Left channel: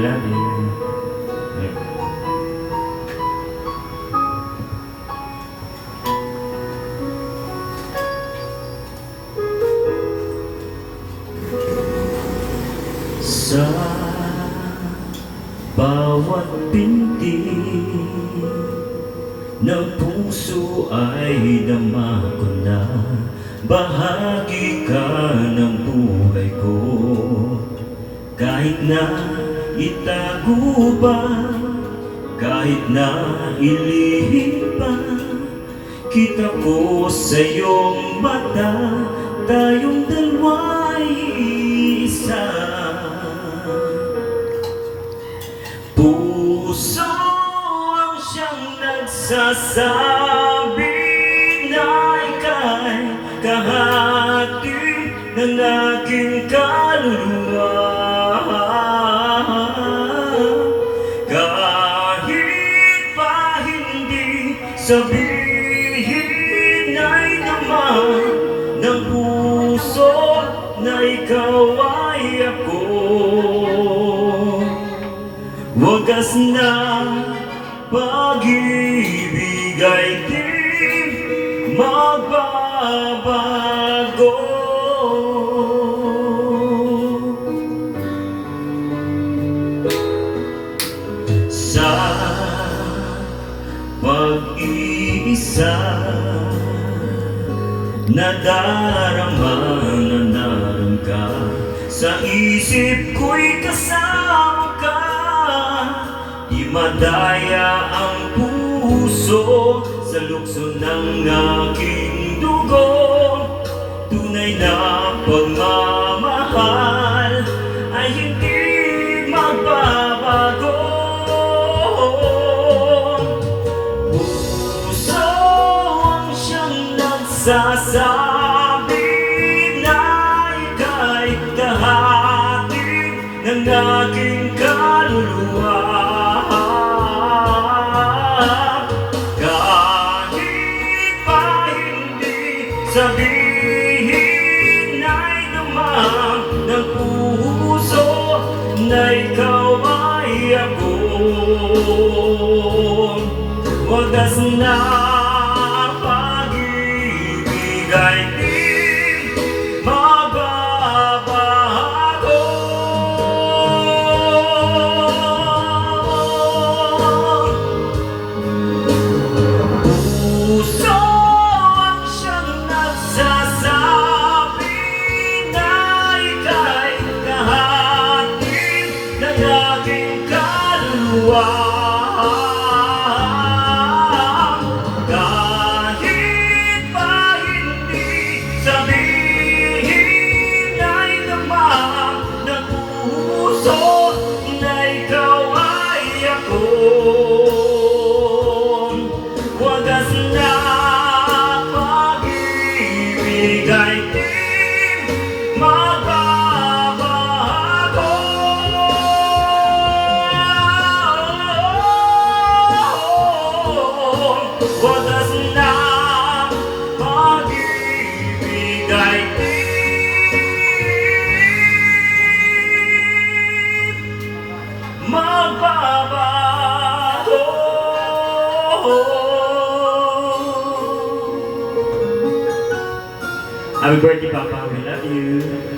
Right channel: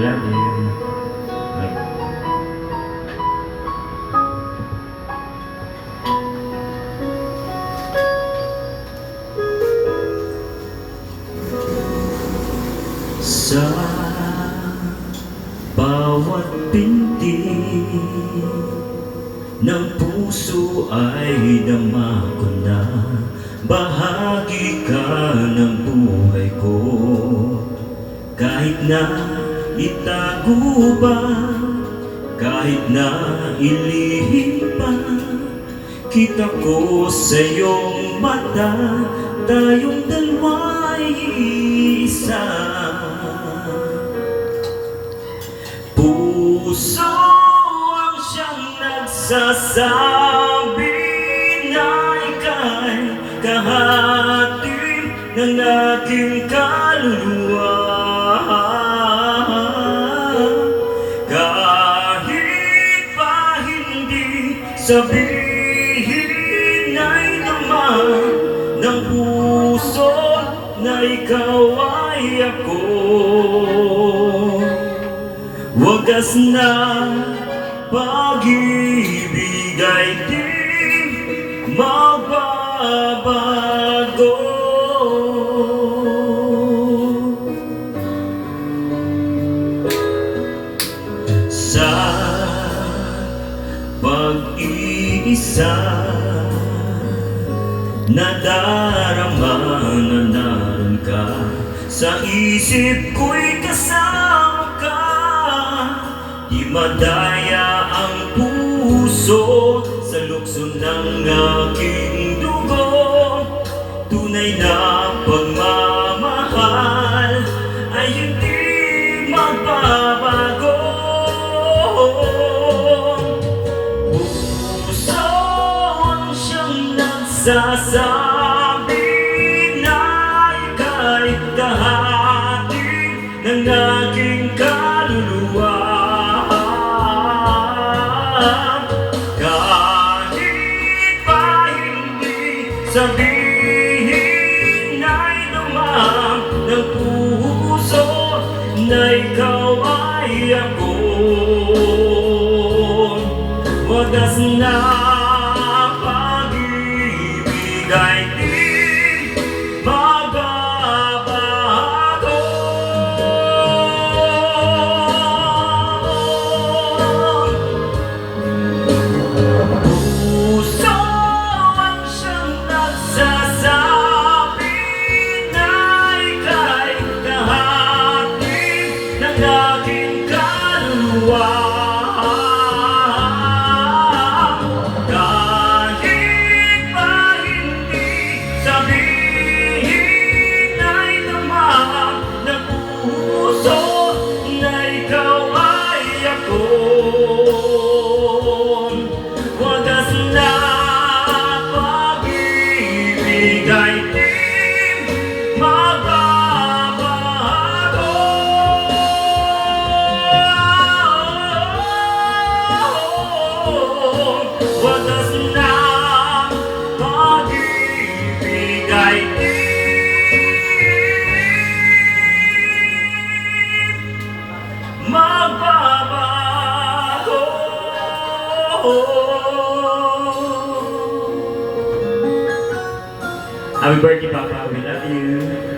love you. Sa bawat binti ng puso ay dama ko na bahagi ka ng buhay ko. Kahit na itago ba, kahit na ilihim pa, kita ko sa iyong mata, tayong dalawa'y isa. Puso ang siyang nagsasabi na ika'y kahati ng aking kaluluwa. Kahit pa hindi sabihin ay naman ng puso na ikaw ay ako. Wagas na pag-ibig ay di magbabago. Sa pag-iisa, nadarama na naroon ka. Sa isip ko'y kasama ka. Di madaya ang puso sa lukso ng aking dugo. Tunay na pagmamahal ay hindi magbabago. Puso ang siyang nagsasabi na ika'y kahati ng aking kaluluwa. Sabihin ay naman ng puso na ikaw ay ako. Wagas na pag-ibig ay di magbabago. Puso sasabi na ika'y kahati ng aking kaluluwa. Kahit pa hindi sabihin ay naman ng puso na ikaw ay ako. Wagas na ay di magbabago. Wagas na pag-ibig ay di magbabago. Happy birthday, Papa. We love you.